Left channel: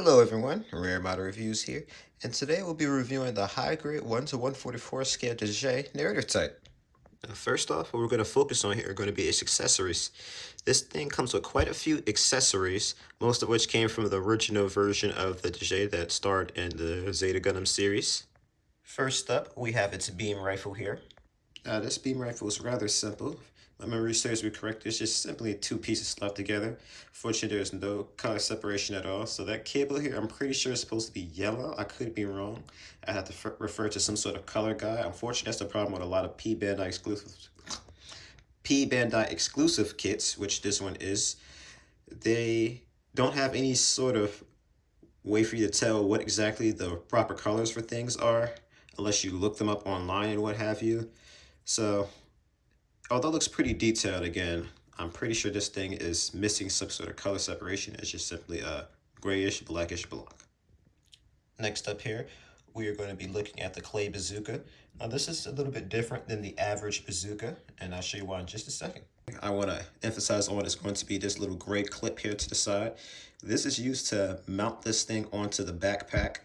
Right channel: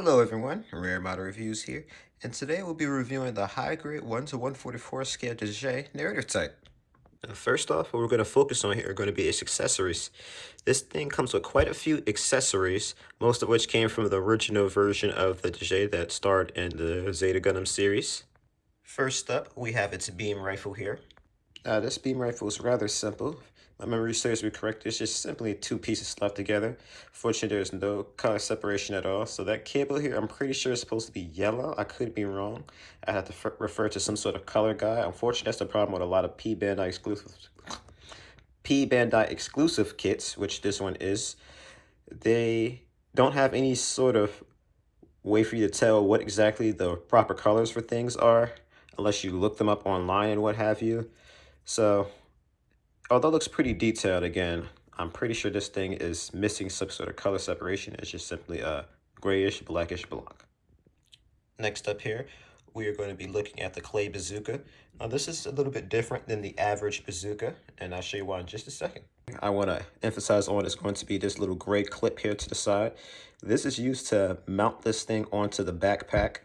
Hello everyone, Rare Model Reviews here, and today we'll be reviewing the high grade 1 to 144 scale Dijeh narrator type. Now, first off, what we're going to focus on here are going to be its accessories. This thing comes with quite a few accessories, most of which came from the original version of the Dijeh that starred in the Zeta Gundam series. First up, we have its beam rifle here. This beam rifle is rather simple. My memory serves me correct. It's just simply two pieces slapped together. Fortunately, there's no color separation at all. So that cable here, I'm pretty sure is supposed to be yellow. I could be wrong. I have to refer to some sort of color guide. Unfortunately, that's the problem with a lot of P-Bandai exclusive kits, which this one is. They don't have any sort of way for you to tell what exactly the proper colors for things are, unless you look them up online and what have you. So although it looks pretty detailed, again, I'm pretty sure this thing is missing some sort of color separation. It's just simply a grayish, blackish block. Next up here, we are going to be looking at the clay bazooka. Now this is a little bit different than the average bazooka, and I'll show you why in just a second. I want to emphasize on is going to be this little gray clip here to the side. This is used to mount this thing onto the backpack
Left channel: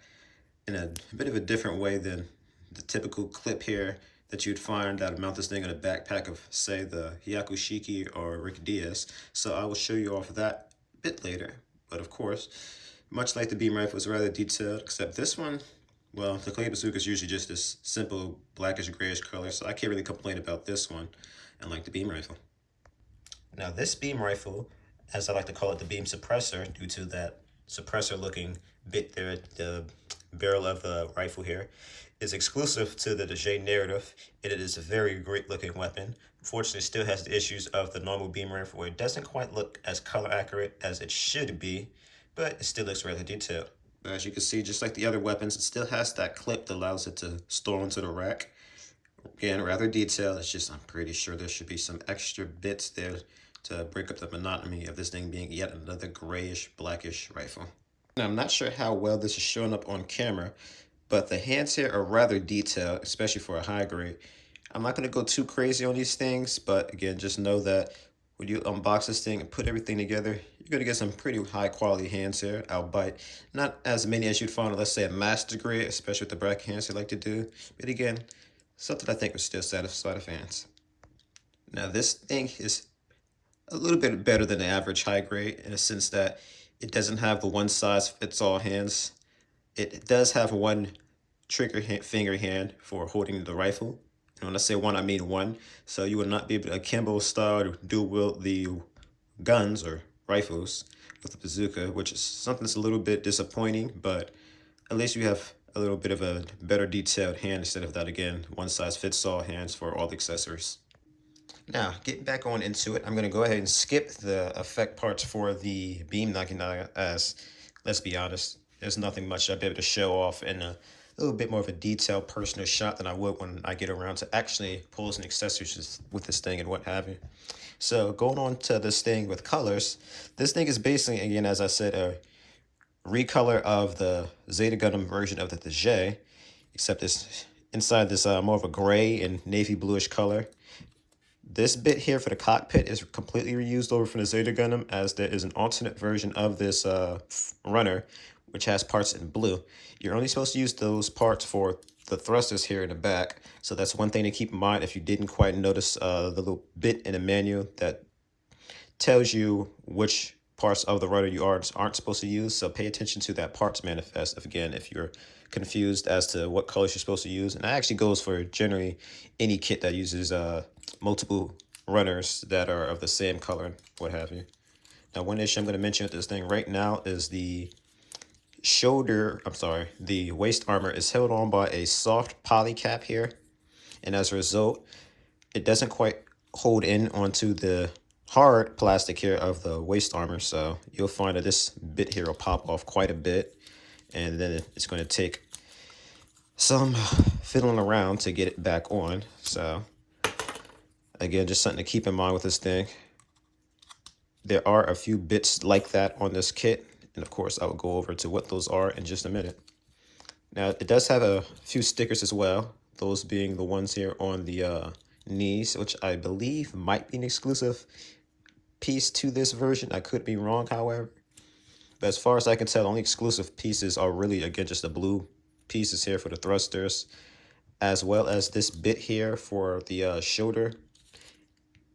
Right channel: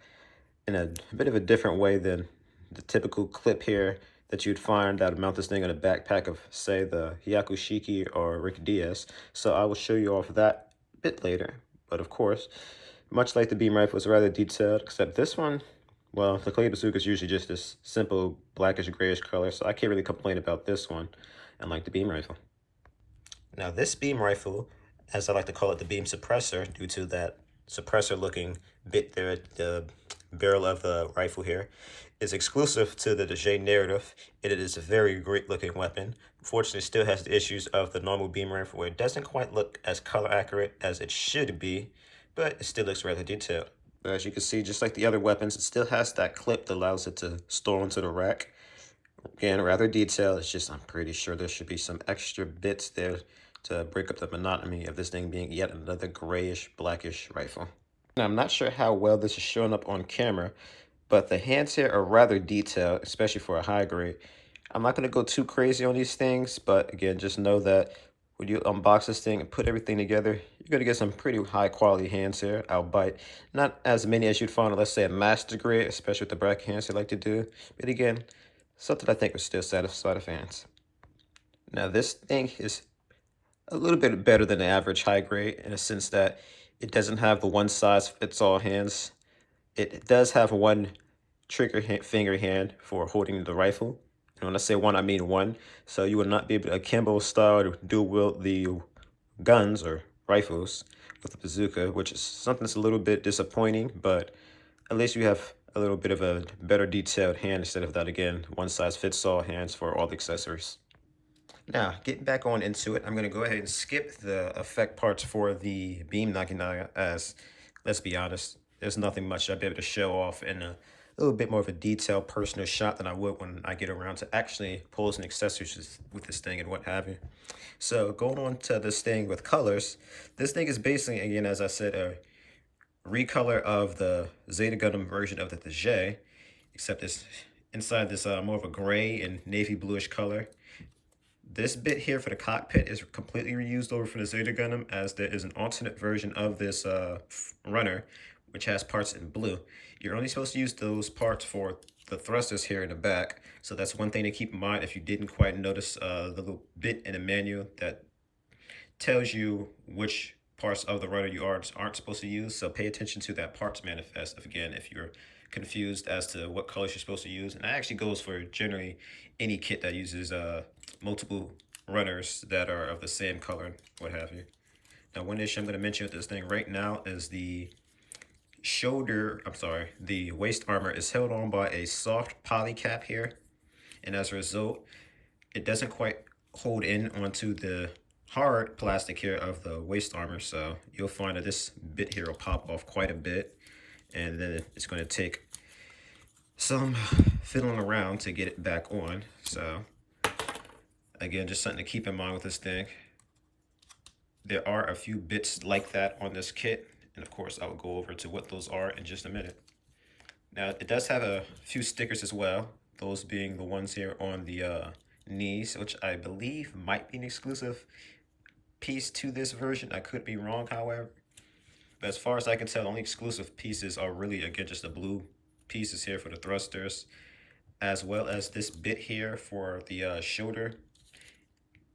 in a bit of a different way than the typical clip here that you'd find that would mount this thing on a backpack of, say, the Hyakushiki or Rick Diaz. So I will show you off that a bit later. But of course, much like the beam rifle, it's rather detailed, except this one, well, the clay bazooka is usually just this simple blackish grayish color, so I can't really complain about this one, unlike the beam rifle. Now this beam rifle, as I like to call it, the beam suppressor, due to that suppressor looking bit there at the barrel of the rifle here, is exclusive to the Dijeh narrative, and it is a very great looking weapon. Unfortunately, it still has the issues of the normal beam rifle where it doesn't quite look as color accurate as it should be, but it still looks rather detailed. But as you can see, just like the other weapons, it still has that clip that allows it to store onto the rack. Again, rather detailed. It's just, I'm pretty sure there should be some extra bits there to break up the monotony of this thing being yet another grayish, blackish rifle. Now, I'm not sure how well this is showing up on camera, but the hands here are rather detailed, especially for a high grade. I'm not going to go too crazy on these things, but again, just know that when you unbox this thing and put everything together, you're going to get some pretty high quality hands here, albeit not as many as you'd find on, let's say, a master grade, especially with the bracket hands they like to do. But again, something I think would still satisfy the fans. Now, this thing is a little bit better than the average high grade in a sense that it doesn't have the one size fits all hands. It does have one finger hand for holding the rifle. And when I say one, I mean one. So you will not be able to akimbo style to dual wield the guns or rifles with the bazooka, which is something that's a little bit disappointing, but at least you have a little bit of a better detailed hand instead of that, again, one size fits all hands for all the accessories. Now, getting back on into it, I'm going to go ahead and skip the effect parts for the beam Naginata as, let's be honest, there's nothing much I'd be able to show off in a little bit more of a detailed personal shot than I would when I get around to actually posing accessories with this thing and what have you. So going on to this thing with colors, this thing is basically, again, as I said, a recolor of the Zeta Gundam version of the Dijeh, except it's inside this more of a gray and navy bluish color. This bit here for the cockpit is completely reused over from the Zeta Gundam, as there is an alternate version of this runner, which has parts in blue. You're only supposed to use those parts for the thrusters here in the back, so that's one thing to keep in mind if you didn't quite notice the little bit in the manual that tells you which parts of the rudder you aren't supposed to use. So pay attention to that parts manifest if you're confused as to what colors you're supposed to use. And that actually goes for generally any kit that uses multiple runners that are of the same color, what have you. Now, one issue I'm going to mention with this thing right now is the the waist armor is held on by a soft poly cap here. And as a result, it doesn't quite hold in onto the hard plastic here of the waist armor. So you'll find that this bit here will pop off quite a bit. And then it's going to take some fiddling around to get it back on. So again, just something to keep in mind with this thing. There are a few bits like that on this kit. And of course, I will go over to what those are in just a minute. Now, it does have a few stickers as well. Those being the ones here on the knees, which I believe might be an exclusive piece to this version. I could be wrong, however. But as far as I can tell, the only exclusive pieces are really, again, just the blue pieces here for the thrusters, as well as this bit here for the shoulder.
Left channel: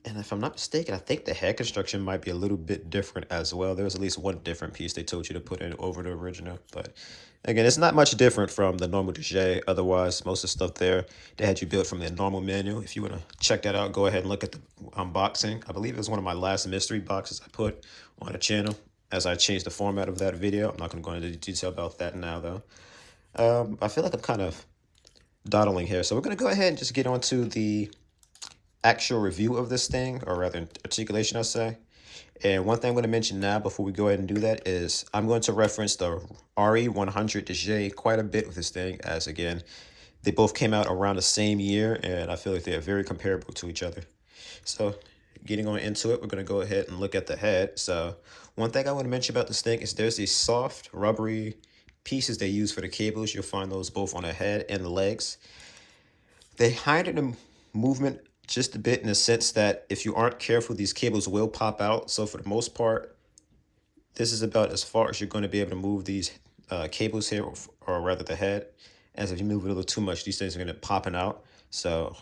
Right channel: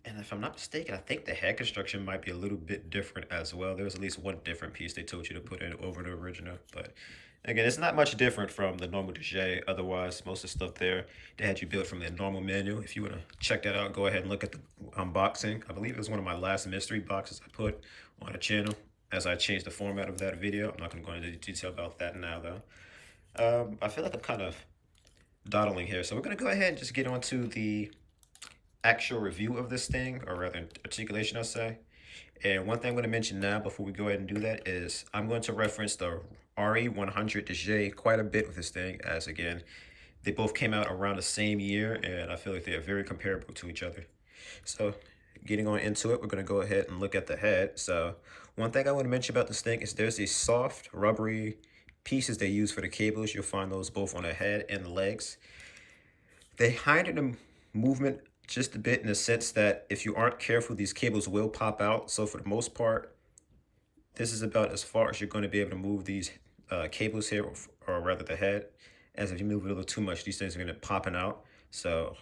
And if I'm not mistaken, I think the head construction might be a little bit different as well. There's at least one different piece they told you to put in over the original. But again, it's not much different from the normal Dijeh. Otherwise, most of the stuff there, they had you built from the normal manual. If you want to check that out, go ahead and look at the unboxing. I believe it was one of my last mystery boxes I put on the channel as I changed the format of that video. I'm not going to go into detail about that now, though. I feel like I'm kind of dawdling here. So we're going to go ahead and just get on to the actual review of this thing, or rather articulation, I'll say. And one thing I'm going to mention now before we go ahead and do that is I'm going to reference the RE100 Dijeh quite a bit with this thing, as again, they both came out around the same year, and I feel like they are very comparable to each other. So getting on into it, we're going to go ahead and look at the head. So one thing I want to mention about this thing is there's these soft, rubbery pieces they use for the cables. You'll find those both on the head and the legs. They hide the movement just a bit in the sense that if you aren't careful, these cables will pop out. So for the most part, this is about as far as you're going to be able to move these cables here, or rather the head. As if you move it a little too much, these things are going to be popping out. So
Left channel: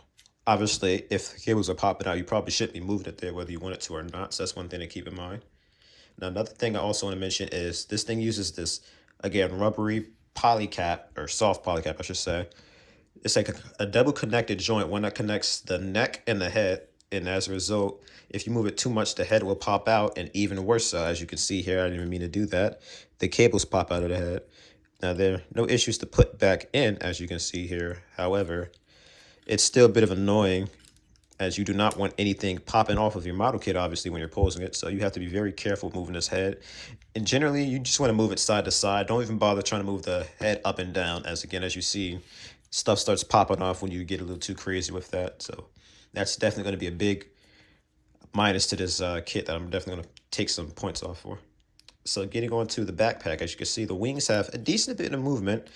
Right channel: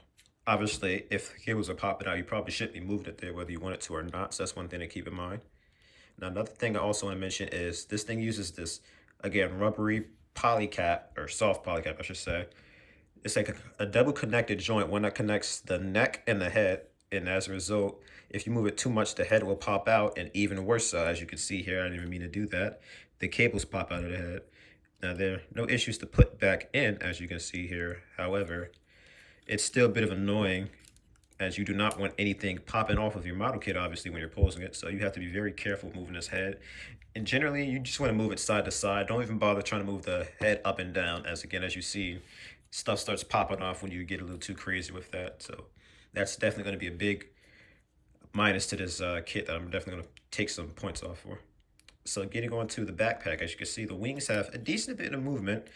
obviously, if the cables are popping out, you probably shouldn't be moving it there whether you want it to or not. So that's one thing to keep in mind. Now, another thing I also want to mention is this thing uses this, again, rubbery poly cap, or soft poly cap, I should say. It's like a double connected joint, one that connects the neck and the head. And as a result, if you move it too much, the head will pop out. And even worse, as you can see here, I didn't even mean to do that, the cables pop out of the head. Now, there are no issues to put back in, as you can see here. However, it's still a bit of annoying, as you do not want anything popping off of your model kit, obviously, when you're posing it. So you have to be very careful moving this head. And generally, you just want to move it side to side. Don't even bother trying to move the head up and down, as again, as you see, stuff starts popping off when you get a little too crazy with that. So that's definitely going to be a big minus to this kit that I'm definitely going to take some points off for. So getting on to the backpack, as you can see, the wings have a decent bit of movement.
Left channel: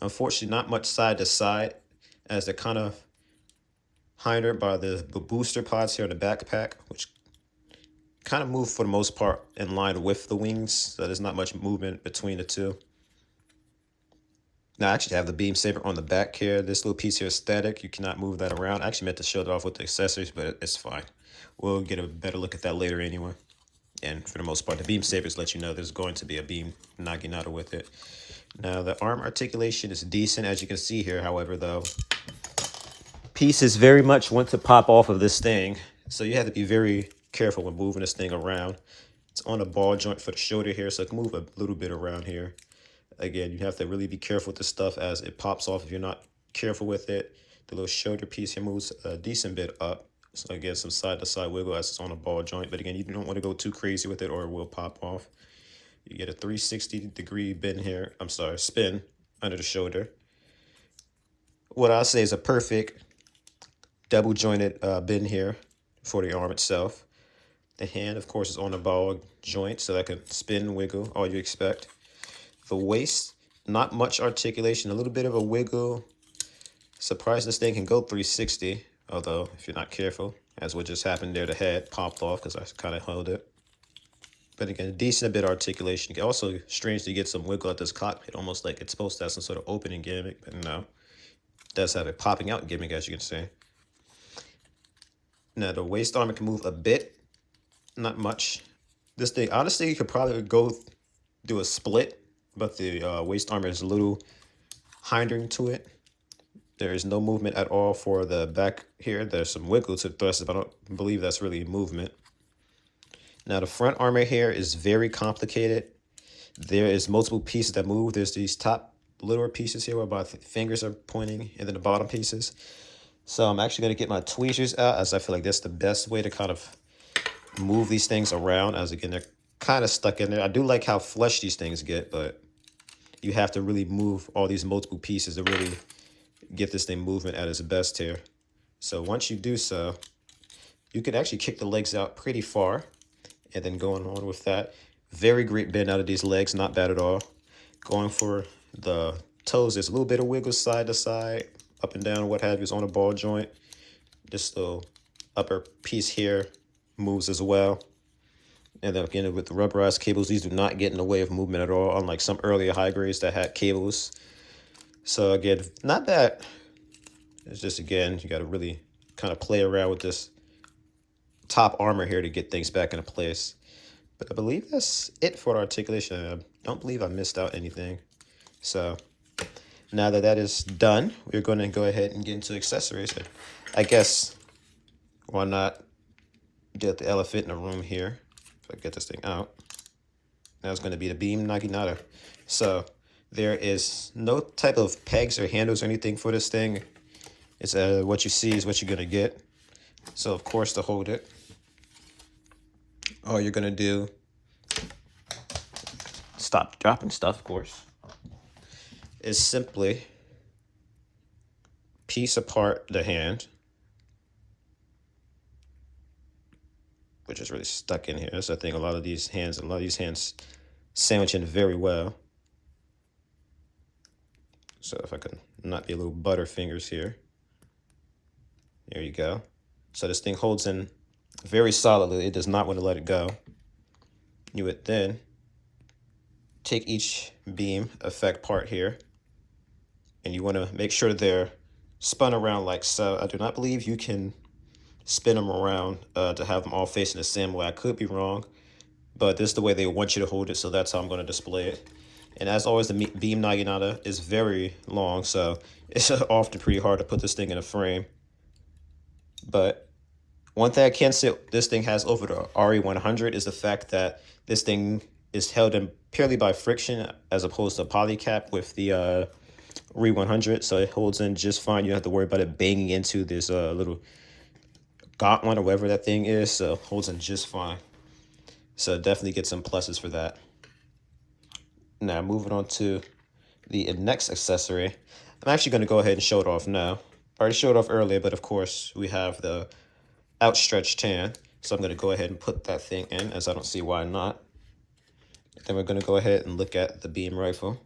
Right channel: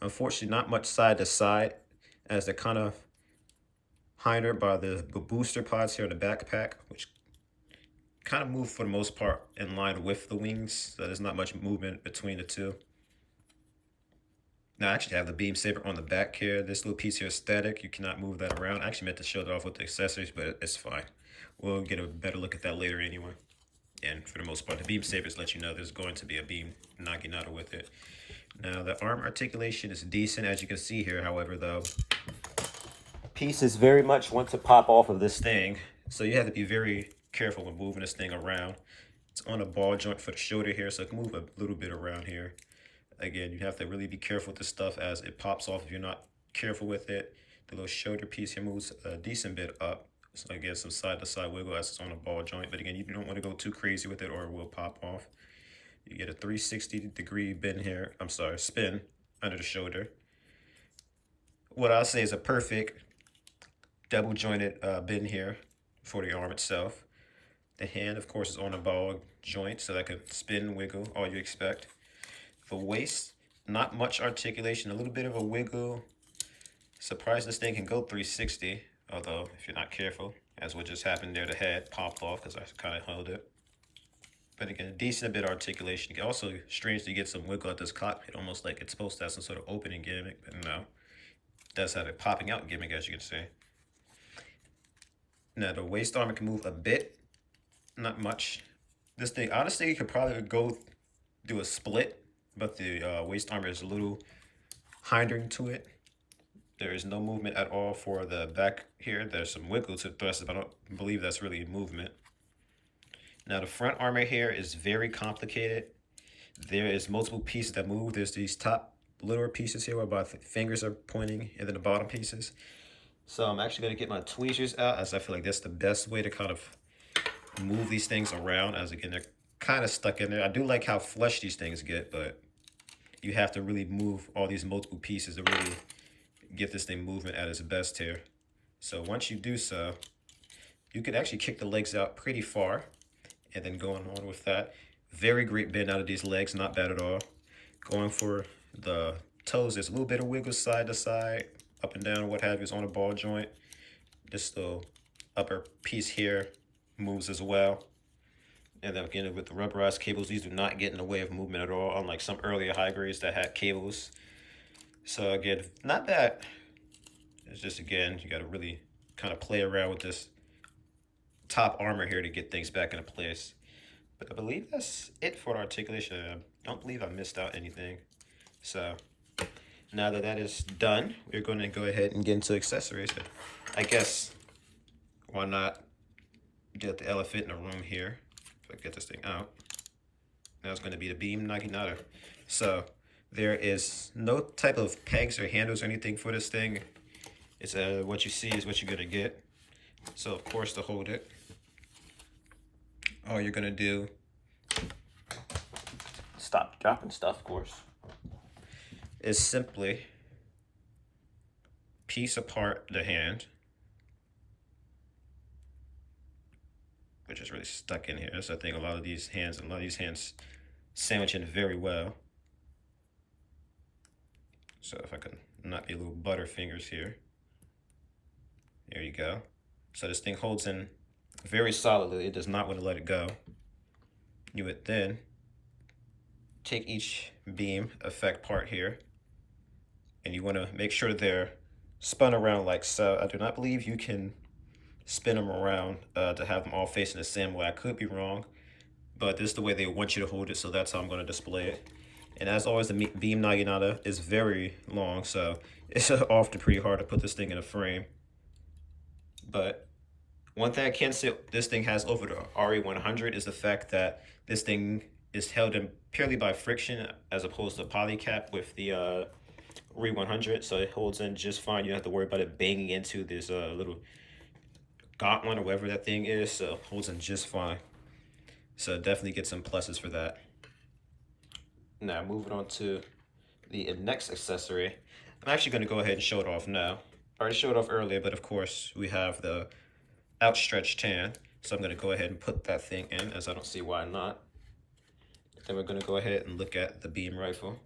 Unfortunately, not much side to side, as they're kind of hindered by the booster pods here in the backpack, which kind of move for the most part in line with the wings. So there's not much movement between the two. Now, I actually have the beam saber on the back here. This little piece here is static. You cannot move that around. I actually meant to show it off with the accessories, but it's fine. We'll get a better look at that later anyway. And for the most part, the beam sabers let you know there's going to be a beam naginata with it. Now, the arm articulation is decent, as you can see here. However, though, pieces very much want to pop off of this thing. So you have to be very careful when moving this thing around. It's on a ball joint for the shoulder here, so it can move a little bit around here. Again, you have to really be careful with this stuff as it pops off if you're not careful with it. The little shoulder piece here moves a decent bit up. So again, some side-to-side wiggle as it's on a ball joint. But again, you don't want to go too crazy with it or it will pop off. You get a 360-degree bend here. Spin under the shoulder. What I'll say is a perfect double-jointed bend here for the arm itself. The hand, of course, is on a ball joint, so that can spin, wiggle, all you expect. The waist, not much articulation, a little bit of a wiggle. Surprised this thing can go 360, although if you're not careful, as what just happened there, the head popped off because I kind of held it. But again, decent bit of articulation. You can also strangely get some wiggle at this cockpit, almost like it's supposed to have some sort of opening gimmick, but no. It does have a popping out gimmick, as you can see. Now, the waist armor can move a bit, not much. This thing, honestly, you could probably go do a split, but the waist armor is a little hindering to it. There is no movement at all for the back here. There's some wiggle to the thrust, but I don't believe that's really movement. Now, the front armor here is very complicated. There is multiple pieces that move. There's these top littler pieces here where my fingers are pointing, and then the bottom pieces. So I'm actually going to get my tweezers out, as I feel like that's the best way to kind of move these things around, as again, they're kind of stuck in there. I do like how flush these things get, but you have to really move all these multiple pieces to really get this thing moving at its best here. So once you do so, you could actually kick the legs out pretty far, and then going on with that. Very great bend out of these legs, not bad at all. Going for the toes, there's a little bit of wiggle side to side, up and down, what have you, is on a ball joint. This little upper piece here moves as well. And then again, with the rubberized cables, these do not get in the way of movement at all, unlike some earlier high grades that had cables. So again, not bad. It's just, again, you got to really kind of play around with this top armor here to get things back into place. But I believe that's it for articulation. I don't believe I missed out anything. So now that that is done, we're going to go ahead and get into accessories. I guess, why not get the elephant in the room here? If I get this thing out. Now it's going to be the beam naginata. So there is no type of pegs or handles or anything for this thing. It's what you see is what you're going to get. So of course, to hold it, all you're going to do, stop dropping stuff, of course, is simply piece apart the hand, which is really stuck in here. That's the thing, a lot of these hands sandwich in very well. So if I can not be a little butterfingers here. There you go. So this thing holds in very solidly. It does not want to let it go. You would then take each beam effect part here, and you want to make sure they're spun around like so. I do not believe you can spin them around to have them all facing the same way. I could be wrong, but this is the way they want you to hold it, so that's how I'm going to display it. And as always, the beam naginata is very long, so it's often pretty hard to put this thing in a frame. But one thing I can say this thing has over the RE100 is the fact that this thing is held in purely by friction as opposed to polycap with the RE100. So it holds in just fine. You don't have to worry about it banging into this little gauntlet or whatever that thing is. So it holds in just fine. So definitely get some pluses for that. Now moving on to the next accessory. I'm actually going to go ahead and show it off now. I already showed it off earlier, but of course we have the outstretched hand. So I'm going to go ahead and put that thing in, as I don't see why not. Then we're going to go ahead and look at the beam rifle.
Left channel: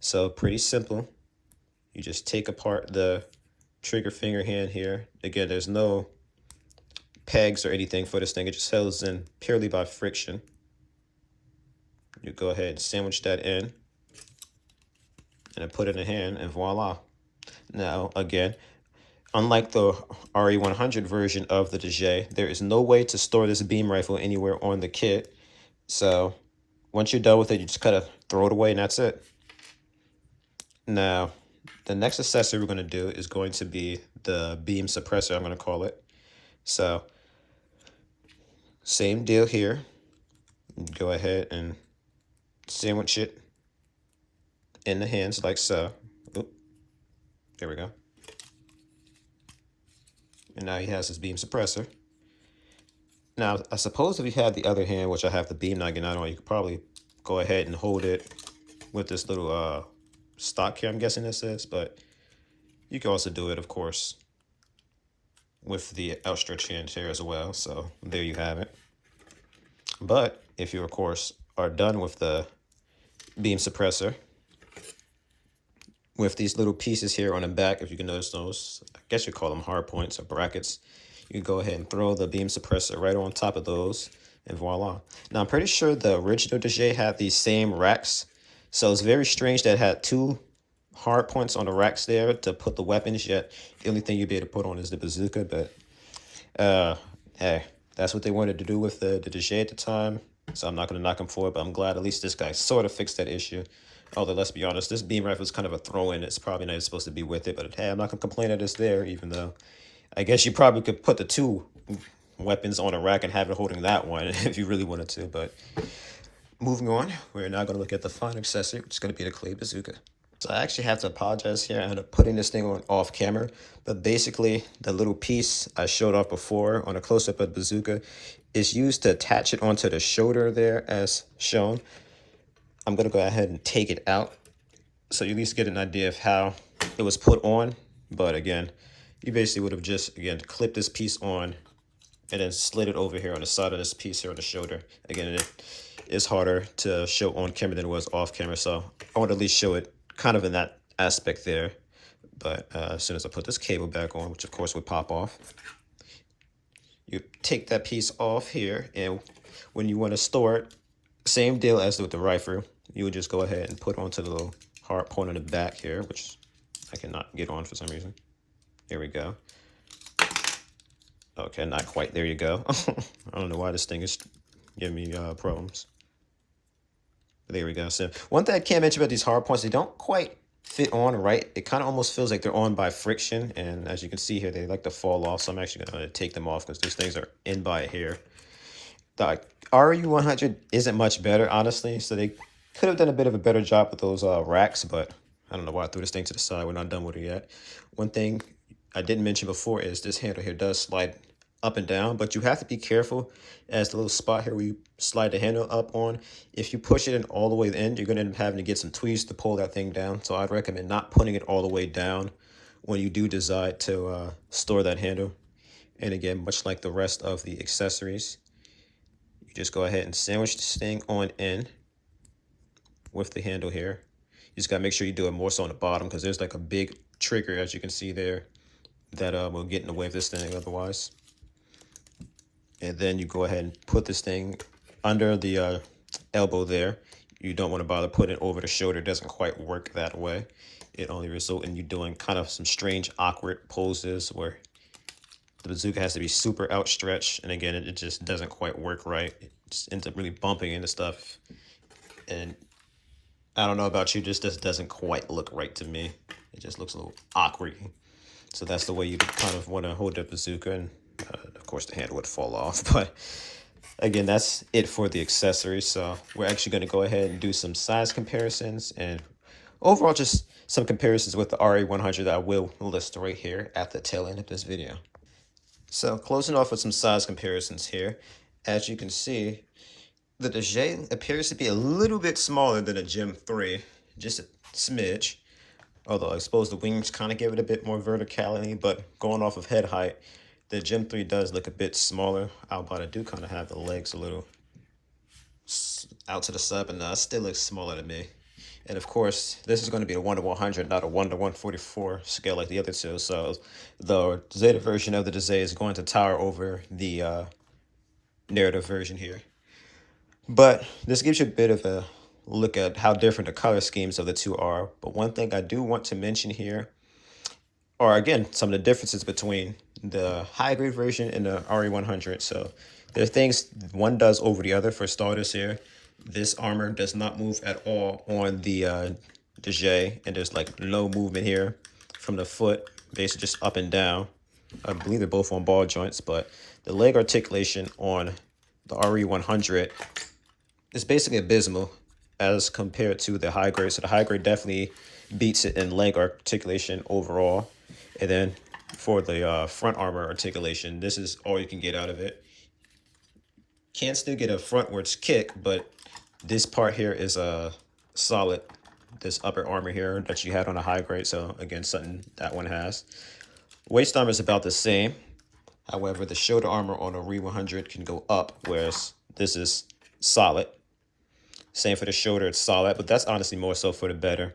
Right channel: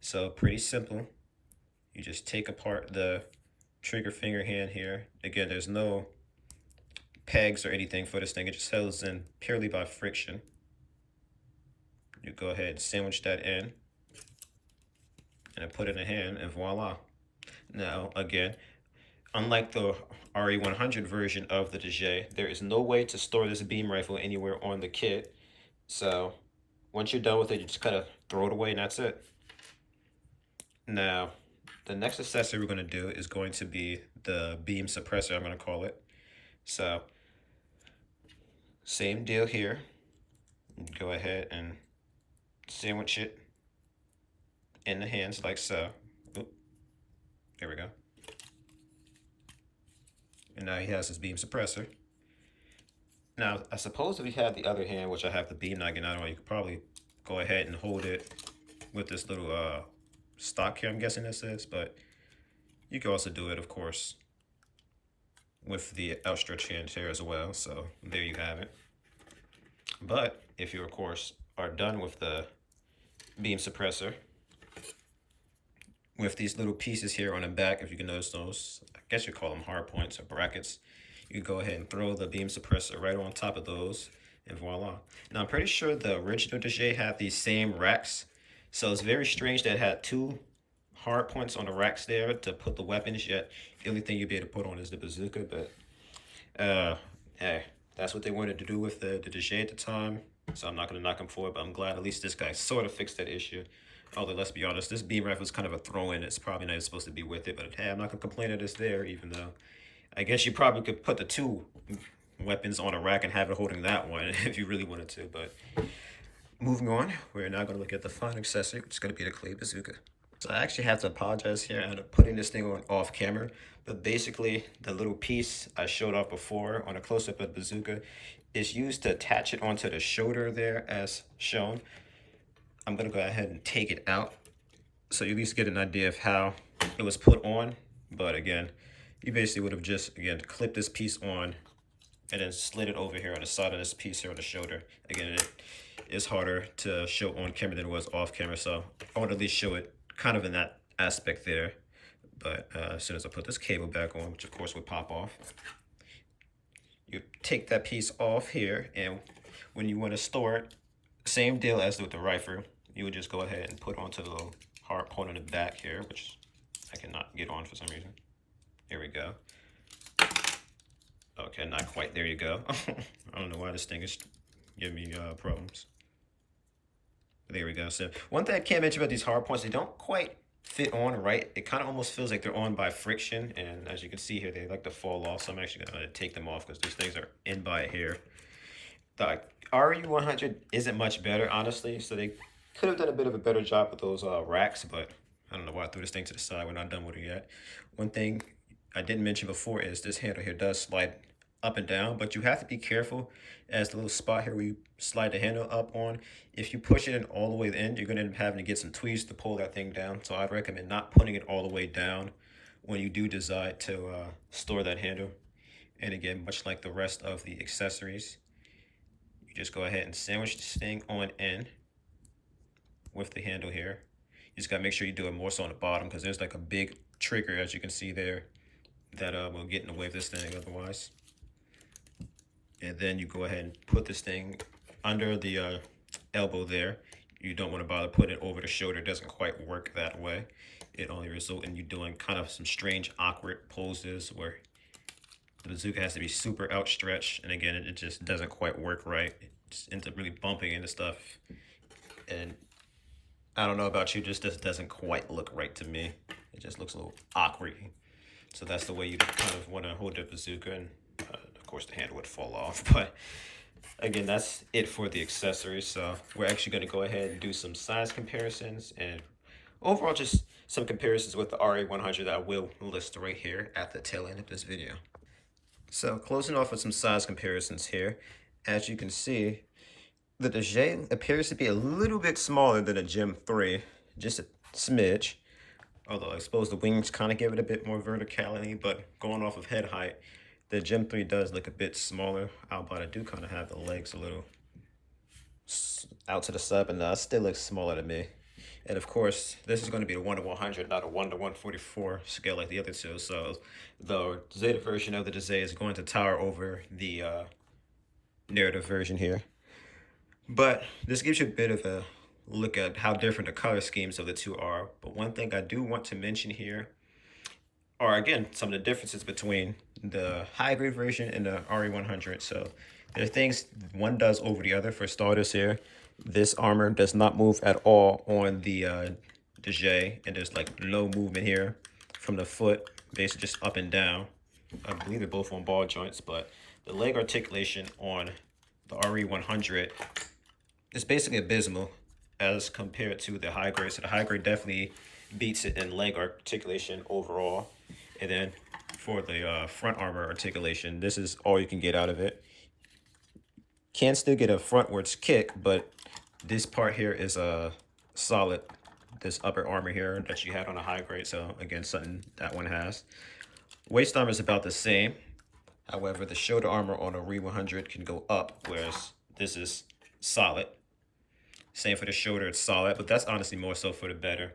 So pretty simple. You just take apart the trigger finger hand here. Again, there's no pegs or anything for this thing. It just holds in purely by friction. You go ahead and sandwich that in and then put it in the hand, and voila. Now, again, unlike the RE100 version of the Dijeh, there is no way to store this beam rifle anywhere on the kit. So once you're done with it, you just kind of throw it away and that's it. Now, the next accessory we're going to do is going to be the beam suppressor, I'm going to call it. So same deal here. Go ahead and sandwich it in the hands like so. Oop. There we go. And now he has his beam suppressor. Now, I suppose if you have the other hand, which I have the beam naginata on, you could probably go ahead and hold it with this little stock here, I'm guessing this is, but you can also do it, of course, with the outstretched hand here as well. So there you have it. But if you, of course, are done with the beam suppressor, with these little pieces here on the back, if you can notice those, I guess you call them hard points or brackets, you can go ahead and throw the beam suppressor right on top of those, and voila. Now, I'm pretty sure the original Dijeh had these same racks, so it's very strange that it had two hard points on the racks there to put the weapons, yet the only thing you'd be able to put on is the bazooka. But hey, that's what they wanted to do with the Dijeh at the time, so I'm not going to knock them for it, but I'm glad at least this guy sort of fixed that issue. Although, let's be honest, this beam rifle is kind of a throw-in. It's probably not supposed to be with it, but hey, I'm not going to complain that it's there, even though I guess you probably could put the two weapons on a rack and have it holding that one if you really wanted to. But moving on, we're now going to look at the final accessory, which is going to be the clay bazooka. So I actually have to apologize here. I ended up putting this thing on off camera, but basically the little piece I showed off before on a close-up of the bazooka is used to attach it onto the shoulder there as shown. I'm going to go ahead and take it out so you at least get an idea of how it was put on. But again, you basically would have just, again, clipped this piece on and then slid it over here on the side of this piece here on the shoulder. Again, it is harder to show on camera than it was off camera, so I want to at least show it kind of in that aspect there. But as soon as I put this cable back on, which of course would pop off, you take that piece off here, and when you want to store it, same deal as with the rifle. You would just go ahead and put onto the little hard point in the back here, which I cannot get on for some reason. Here we go. Okay, not quite. There you go. I don't know why this thing is giving me problems. There we go. So one thing I can't mention about these hard points, they don't quite fit on right. It kind of almost feels like they're on by friction. And as you can see here, they like to fall off. So I'm actually going to take them off because these things are in by here. The RE100 isn't much better, honestly. So they could have done a bit of a better job with those racks, but I don't know why I threw this thing to the side. We're not done with it yet. One thing I didn't mention before is this handle here does slide up and down, but you have to be careful as the little spot here where you slide the handle up on. If you push it in all the way to the end, you're going to end up having to get some tweezers to pull that thing down. So I'd recommend not putting it all the way down when you do decide to store that handle. And again, much like the rest of the accessories, you just go ahead and sandwich this thing on in with the handle here. You just got to make sure you do it more so on the bottom because there's like a big trigger, as you can see there, that will get in the way of this thing otherwise. And then you go ahead and put this thing under the elbow there. You don't want to bother putting it over the shoulder. It doesn't quite work that way. It only results in you doing kind of some strange, awkward poses where the bazooka has to be super outstretched. And again, it just doesn't quite work right. It just ends up really bumping into stuff. And I don't know about you, just doesn't quite look right to me. It just looks a little awkward. So that's the way you kind of want to hold the bazooka. And of course, the handle would fall off. But again, that's it for the accessories. So we're actually going to go ahead and do some size comparisons and overall just some comparisons with the RE100 that I will list right here at the tail end of this video. So closing off with some size comparisons here, as you can see, the Dijeh appears to be a little bit smaller than a Gem 3, just a smidge. Although I suppose the wings kind of give it a bit more verticality, but going off of head height, the Gem 3 does look a bit smaller, but I do kind of have the legs a little out to the side, but no, it still looks smaller to me. And of course, this is going to be a 1:100, not a 1:144 scale like the other two. So the Zeta version of the Dijeh is going to tower over the narrative version here. But this gives you a bit of a look at how different the color schemes of the two are. But one thing I do want to mention here are, again, some of the differences between the high-grade version and the RE100. So there are things one does over the other. For starters here, this armor does not move at all on the Dijeh, and there's like no movement here from the foot, basically just up and down. I believe they're both on ball joints, but the leg articulation on the RE100 is basically abysmal as compared to the high grade. So the high grade definitely beats it in leg articulation overall. And then for the front armor articulation, this is all you can get out of it. Can still get a frontwards kick, but this part here is a solid, this upper armor here that you had on a high grade. So again, something that one has. Waist armor is about the same. However, the shoulder armor on a RE100 can go up, whereas this is solid. Same for the shoulder, it's solid, but that's honestly more so for the better,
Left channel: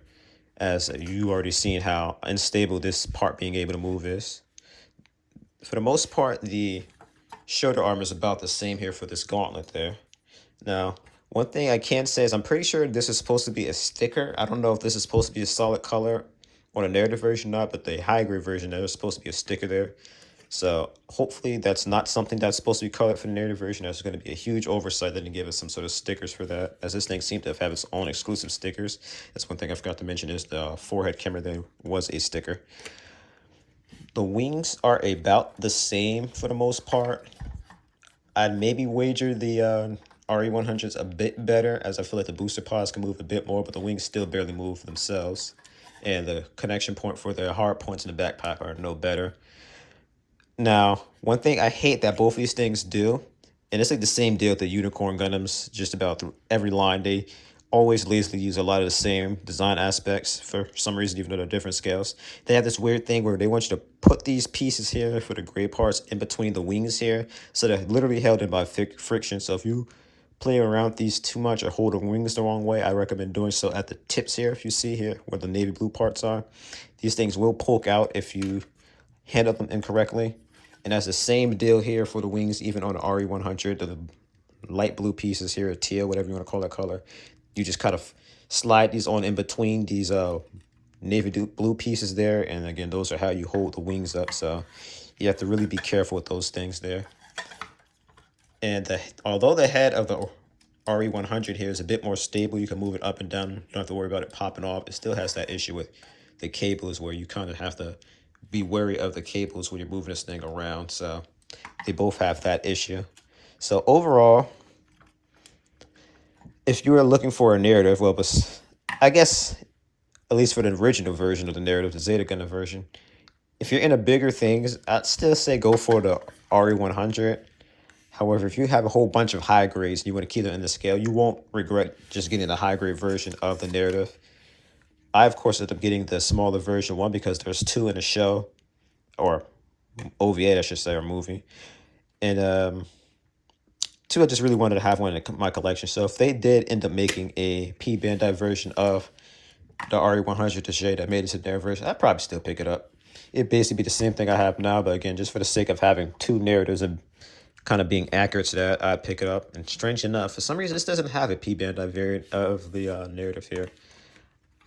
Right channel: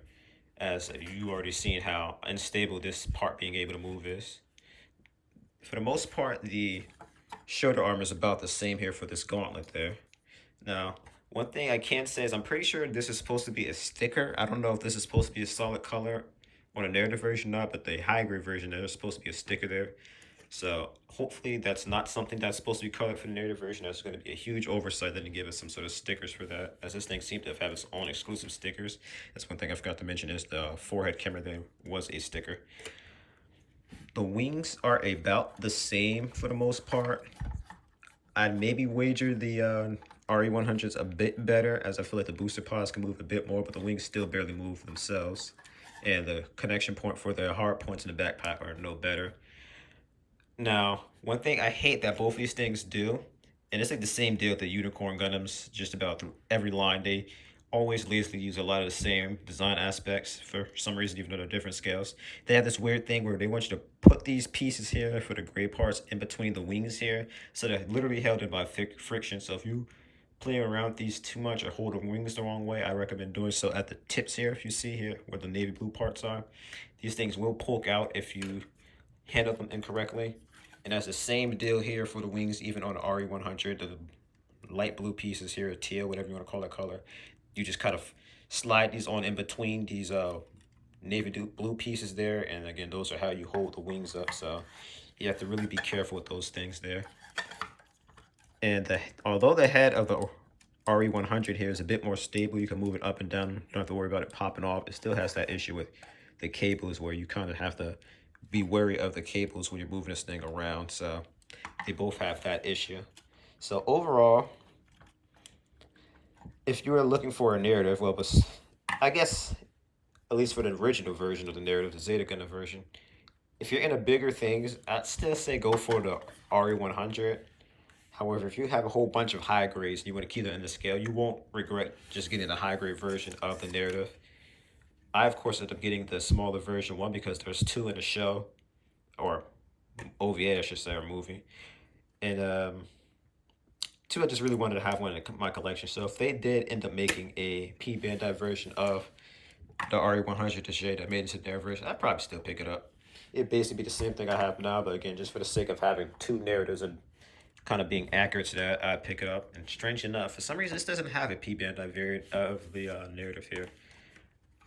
as you already seen how unstable this part being able to move is. For the most part, the shoulder armor is about the same here for this gauntlet there. Now, one thing I can say is I'm pretty sure this is supposed to be a sticker. I don't know if this is supposed to be a solid color on a narrative version or not, but the high grade version, there's supposed to be a sticker there. So hopefully that's not something that's supposed to be colored for the narrative version. That's going to be a huge oversight that they give us some sort of stickers for that, as this thing seemed to have its own exclusive stickers. That's one thing I forgot to mention is the forehead camera there was a sticker. The wings are about the same for the most part. I'd maybe wager the RE100's a bit better, as I feel like the booster pods can move a bit more, but the wings still barely move themselves. And the connection point for the hard points in the backpack are no better. Now, one thing I hate that both of these things do, and it's like the same deal with the Unicorn Gundams, just about through every line, they always lazily use a lot of the same design aspects for some reason, even though they're different scales. They have this weird thing where they want you to put these pieces here for the gray parts in between the wings here, so they're literally held in by friction. So if you play around these too much or hold the wings the wrong way, I recommend doing so at the tips here. If you see here where the navy blue parts are, these things will poke out if you handle them incorrectly. And that's the same deal here for the wings, even on the RE100. The light blue pieces here, teal, whatever you want to call that color. You just kind of slide these on in between these navy blue pieces there, and again, those are how you hold the wings up. So you have to really be careful with those things there. And although the head of the RE100 here is a bit more stable, you can move it up and down, don't have to worry about it popping off. It still has that issue with the cables where you kind of have to be wary of the cables when you're moving this thing around. So they both have that issue. So overall, if you were looking for a narrative, well, I guess at least for the original version of the narrative, the Zeta Gunner version, if you're into bigger things, I'd still say go for the RE100. However, if you have a whole bunch of high grades and you want to keep them in the scale, you won't regret just getting the high grade version of the narrative. I, of course, ended up getting the smaller version, one, because there's 2 in the show, or OVA, I should say, or movie. And 2, I just really wanted to have one in my collection. So if they did end up making a P-Bandai version of the RE100 Dijeh that made it to their version, I'd probably still pick it up. It'd basically be the same thing I have now, but again, just for the sake of having 2 narratives and kind of being accurate to that, I'd pick it up. And strange enough, for some reason, this doesn't have a P-Bandai variant of the narrative here.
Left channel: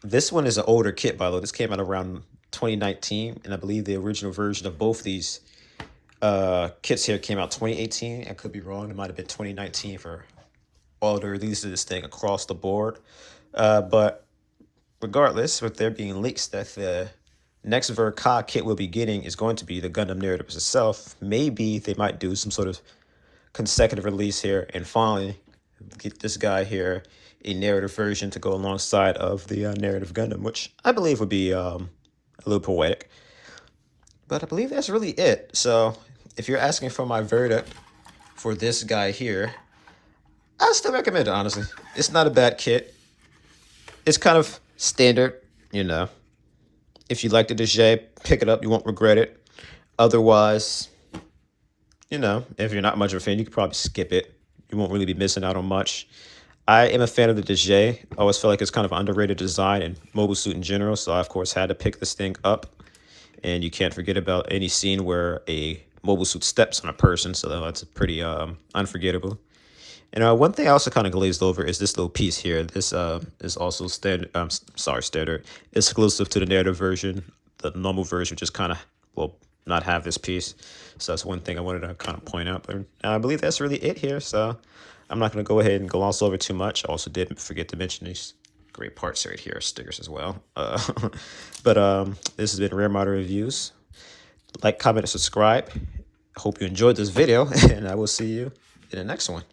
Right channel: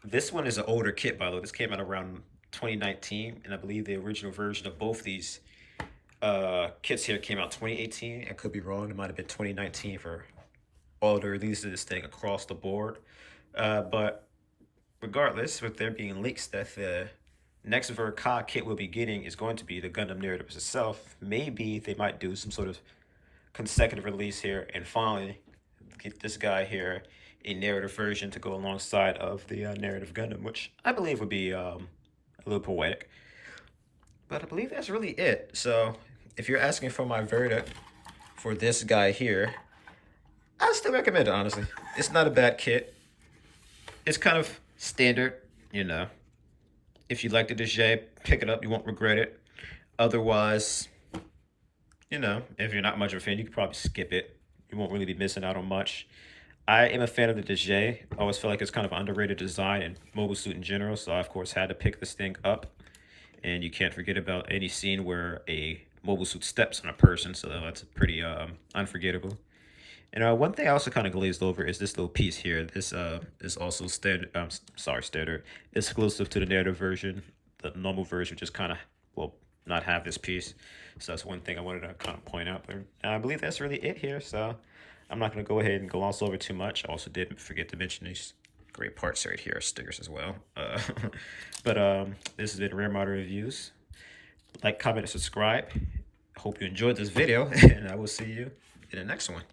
This one is an older kit, by the way. This came out around 2019, and I believe the original version of both these kits here came out 2018. I could be wrong. It might have been 2019 for all the releases of this thing across the board. But regardless, with there being leaks that the next Verka kit we'll be getting is going to be the Gundam narrative itself, maybe they might do some sort of consecutive release here and finally get this guy here a narrative version to go alongside of the narrative Gundam, which I believe would be a little poetic. But I believe that's really it. So if you're asking for my verdict for this guy here, I still recommend it, honestly. It's not a bad kit. It's kind of standard, you know. If you like the Dijeh, pick it up. You won't regret it. Otherwise, you know, if you're not much of a fan, you could probably skip it. You won't really be missing out on much. I am a fan of the Dijeh. I always feel like it's kind of an underrated design and mobile suit in general. So I, of course, had to pick this thing up. And you can't forget about any scene where a mobile suit steps on a person. So that's pretty unforgettable. And one thing I also kind of glazed over is this little piece here. This is also standard, standard, exclusive to the narrative version. The normal version just kind of will not have this piece. So that's one thing I wanted to kind of point out. But I believe that's really it here. So I'm not going to go ahead and gloss over too much. I also did forget to mention these great parts right here, stickers as well. But this has been Rare Model Reviews. Like, comment, and subscribe. Hope you enjoyed this video, and I will see you in the next one.